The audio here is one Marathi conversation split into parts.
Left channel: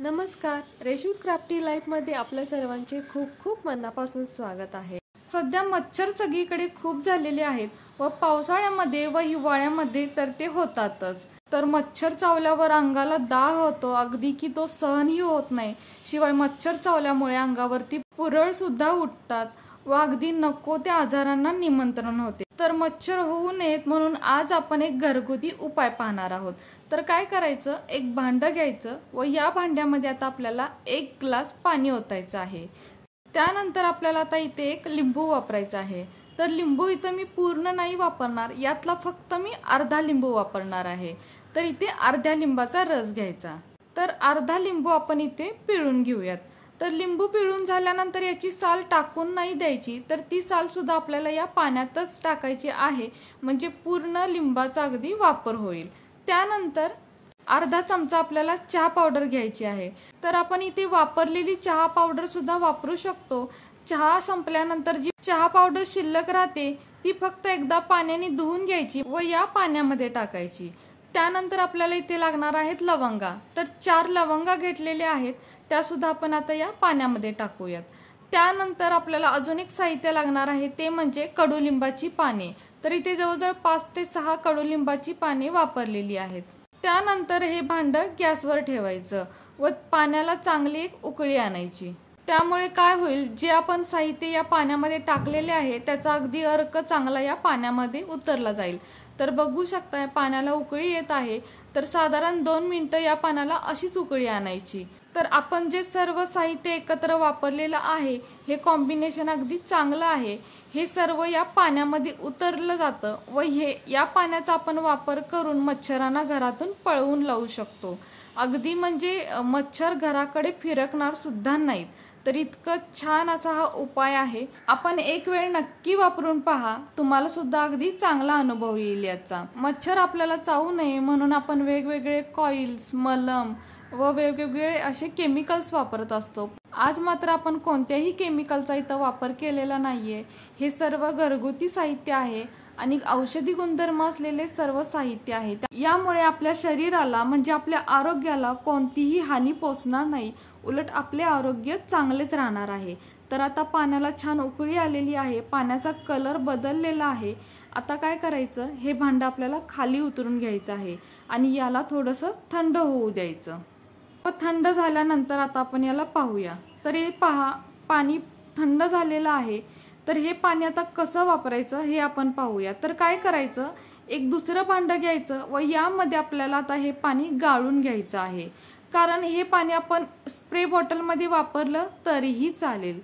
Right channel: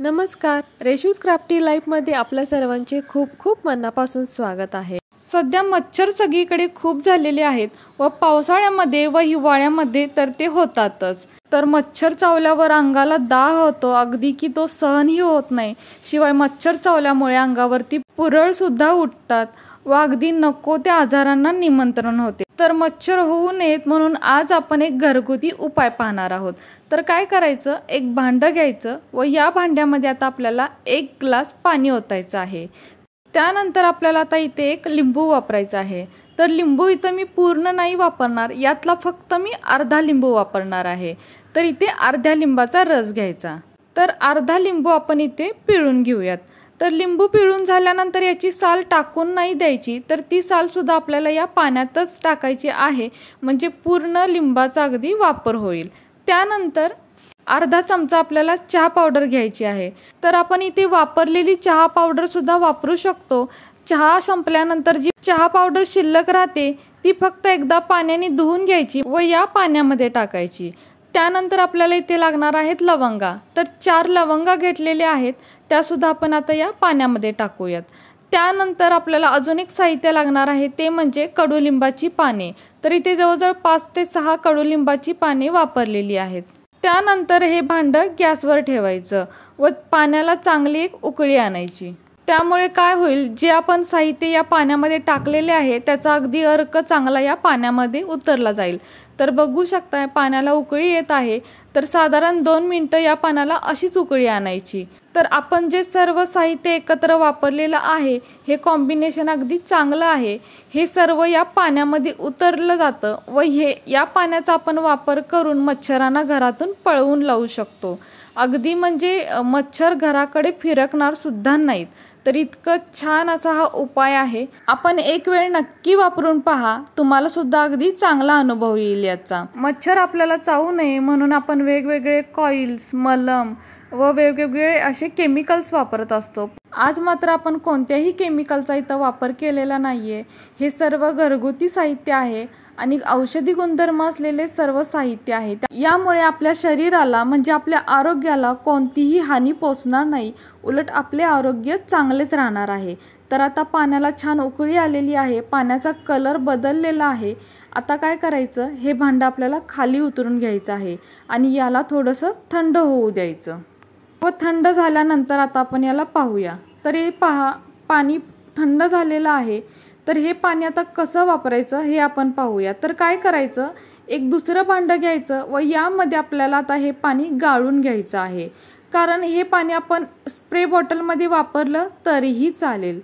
नमस्कार, रेशूज क्राफ्टी लाईफमध्ये आपल्या सर्वांचे खूप खूप मनापासून स्वागत आहे। सध्या मच्छर सगळीकडे खूप झालेले आहेत व पावसाळ्यामध्ये व हिवाळ्यामध्ये तर ते होतातच। तर मच्छर चावल्यावर अंगाला दाह होतो अगदी की तो सहनही होत नाही। शिवाय मच्छर चावल्यामुळे अंगावरती पुरळ सुद्धा उठतात व अगदी नको त्या आजारांना निमंत्रण होते। तर मच्छर होऊ नयेत म्हणून आज आपण एक घरगुती उपाय पाहणार आहोत। तर काय करायचं, एक भांडं घ्यायचं व या भांड्यामध्ये आता आपल्याला 1 ग्लास पाणी ओतायचं आहे। त्यानंतर आपल्याला आता इथे एक लिंबू वापरायचा आहे। तर लिंबू इथे मी पूर्ण नाही वापरणार, यातला फक्त मी अर्धा लिंबू वापरणार आहे। तर इथे अर्ध्या लिंबाचा रस घ्यायचा। तर अर्धा लिंबू आपण इथे पिळून घेऊयात। तर लिंबू पिळून झाल्यानंतर याची साल टाकून नाही द्यायची, तर ती साल सुद्धा आपल्याला या पाण्यातच टाकायची आहे, म्हणजे पूर्ण लिंबाचा अगदी वापर होईल। त्यानंतर अर्धा चमचा आपल्याला चहा पावडर घ्यायची आहे। तर आपण इथे वापरलेली चहा पावडर सुद्धा वापरू शकतो। चहा संपल्यानंतर जी चहा पावडर शिल्लक राहते ती फक्त एकदा पाण्याने धुवून घ्यायची व या पाण्यामध्ये टाकायची। त्यानंतर आपल्याला इथे लागणार आहेत लवंगा। तर 4 लवंगा घेतलेल्या आहेत, त्या सुद्धा आपण आता या पाण्यामध्ये टाकूयात। त्यानंतर आपल्याला अजून एक साहित्य लागणार आहे, ते म्हणजे कडुलिंबाची पाने। तर इथे जवळजवळ 5 ते 6 कडुलिंबाची पाने वापरलेली आहेत। त्यानंतर हे भांडं गॅसवर ठेवायचं व पाण्याला चांगली एक उकळी आणायची। त्यामुळे काय होईल, जे आपण साहित्य या पाण्यामध्ये टाकलेले आहे त्याचा अगदी अर्क चांगला या पाण्यामध्ये उतरला जाईल। तर बघू शकता पाण्याला उकळी येत आहे। तर साधारण 2 मिनिटं या पाण्याला अशीच उकळी आणायची। तर आपण जे सर्व साहित्य एकत्र वापरलेलं आहे हे कॉम्बिनेशन अगदी चांगलं आहे। हे सर्व या पाण्यामध्ये उतरलं जातं व या पाण्याचा आपण वापर करून मच्छरांना घरातून पळवून लावू शकतो। अगदी म्हणजे मच्छर घराकडे फिरकणार सुद्धा नाहीत। तर इतकं छान असा हा उपाय आहे, आपण एक वेळ नक्की वापरून पहा, तुम्हाला सुद्धा अगदी चांगला अनुभव येईल याचा। मच्छर आपल्याला चावू नये म्हणून आपण वेगवेगळे कॉइल्स, मलम व वेगवेगळे असे केमिकल्स वापरत असतो। आज मात्र आपण कोणत्याही केमिकलचा इथं वापर केलेला नाहीये। हे सर्व घरगुती साहित्य आहे आणि औषधी गुणधर्म असलेले सर्व साहित्य आहे। यामुळे आपल्या शरीराला म्हणजे आपल्या आरोग्याला कोणतीही हानी पोचणार नाही, उलट आपले आरोग्य चांगलेच राहणार आहे। तर आता पाण्याला छान उकळी आलेली आहे, पाण्याचा कलर बदललेला आहे। आता काय करायचं, हे भांडं आपल्याला खाली उतरून घ्यायचं आहे आणि याला थोडंसं थंड होऊ द्यायचं व थंड झाल्यानंतर आता आपण याला पाहूया। तर हे पहा, पाणी थंड झालेलं आहे। तर हे पाणी आता कसं वापरायचं हे आपण पाहूया। तर काय करायचं, एक दुसरं भांडं घ्यायचं व यामध्ये आपल्याला आता हे पाणी गाळून घ्यायचं आहे, कारण हे पाणी आपण स्प्रे बॉटलमध्ये वापरलं तरीही चालेल।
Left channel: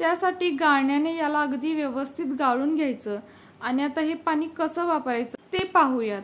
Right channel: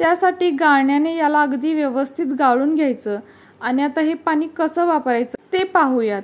त्यासाठी गाळण्याने याला अगदी व्यवस्थित गाळून घ्यायचं आणि आता हे पाणी कसं वापरायचं ते पाहूयात।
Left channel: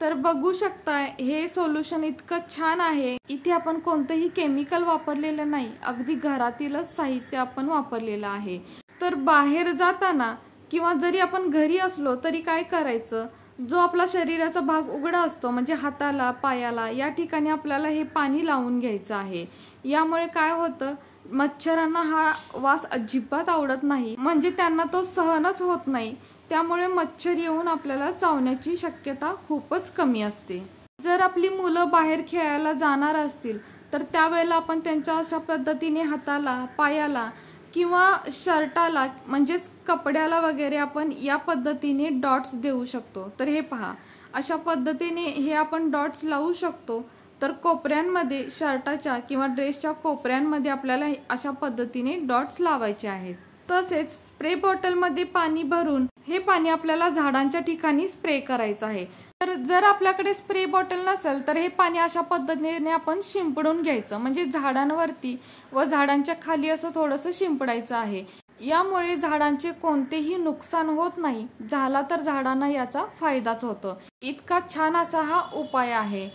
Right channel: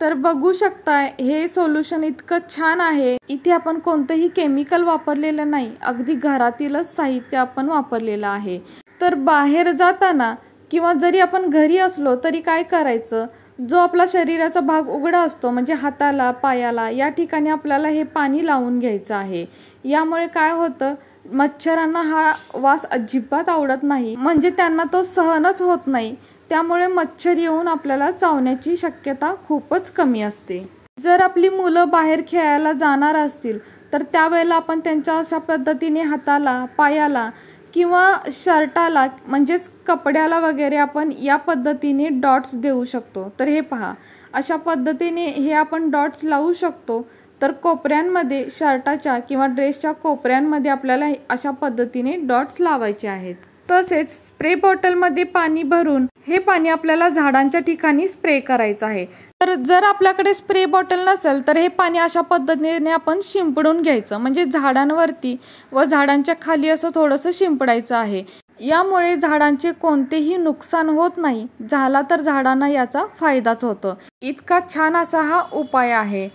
तर बघू शकताय हे सोल्युशन इतकं छान आहे। इथे आपण कोणतंही केमिकल वापरलेलं नाही, अगदी घरातीलच साहित्य आपण वापरलेलं आहे। तर बाहेर जाताना किंवा जरी आपण घरी असलो तरी काय करायचं, जो आपला शरीराचा भाग उघडा असतो म्हणजे हाताला, पायाला, या ठिकाणी आपल्याला हे पाणी लावून घ्यायचं आहे। यामुळे काय होतं, मच्छरांना हा वास अजिबात आवडत नाही, म्हणजे त्यांना तो सहनच होत नाही। त्यामुळे मच्छर येऊन आपल्याला चावण्याची शक्यता खूपच कमी असते। जर आपली मुलं बाहेर खेळायला जाणार असतील तर त्यावेळेला आपण त्यांच्या अशा पद्धतीने हाताला, पायाला किंवा शर्टाला म्हणजेच कपड्याला वगैरे आपण या पद्धतीने डॉट्स देऊ शकतो। तर हे पहा, अशा पद्धतीने हे आपण डॉट्स लावू शकतो। तर कोपऱ्यांमध्ये, शर्टाच्या किंवा ड्रेसच्या कोपऱ्यांमध्ये आपल्याला अशा पद्धतीने डॉट्स लावायचे आहेत। तसेच स्प्रे बॉटलमध्ये पाणी भरून हे पाणी आपल्याला झाडांच्या ठिकाणी स्प्रे करायचं आहे। तर जर आपल्याकडे स्प्रे बॉटल नसेल तर हे पाणी अशा पद्धतीने आपण शिंपडून घ्यायचं, म्हणजे झाडांवरती व झाडांच्या खाली असं थोडंसं शिंपडायचं आहे। यामुळे झाडांचे कोणतेही नुकसान होत नाही, झाला तर झाडांना याचा फायदाच होतो। इतका छान असा हा उपाय आहे।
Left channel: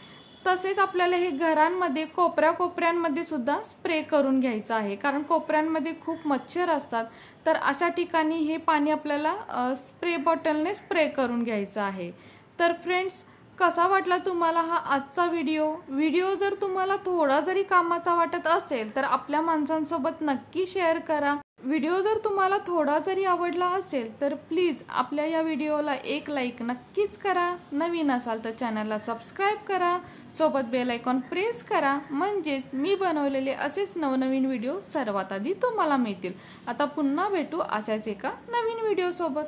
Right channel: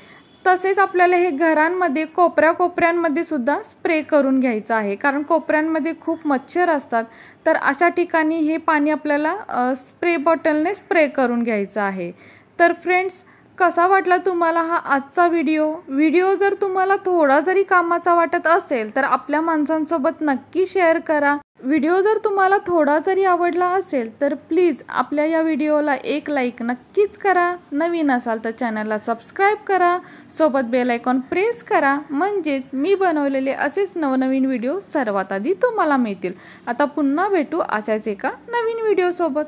तसेच आपल्याला हे घरांमध्ये कोपऱ्यांमध्ये सुद्धा स्प्रे करून घ्यायचं आहे, कारण कोपऱ्यांमध्ये खूप मच्छर असतात। तर अशा ठिकाणी हे पाणी आपल्याला स्प्रे बॉटलने स्प्रे करून घ्यायचं आहे। तर फ्रेंड्स, कसा वाटला तुम्हाला हा आजचा व्हिडिओ जर तुम्हाला थोडा जरी कामाचा वाटत असेल तर आपल्या माणसांसोबत नक्की शेअर करा। व्हिडिओ जर तुम्हाला थोडा जरी आवडला असेल तर प्लीज आपल्या या व्हिडिओला एक लाईक नक्कीच करा. नवीन असाल तर चॅनलला सबस्क्राईब करा, सोबत बेल आयकॉन प्रेस करा, म्हणजेच मी बनवलेले असेच नवनवीन व्हिडिओ सर्वात आधी तुम्हाला मिळतील. आता पुन्हा भेटू अशाच एका नवीन व्हिडिओ सोबत.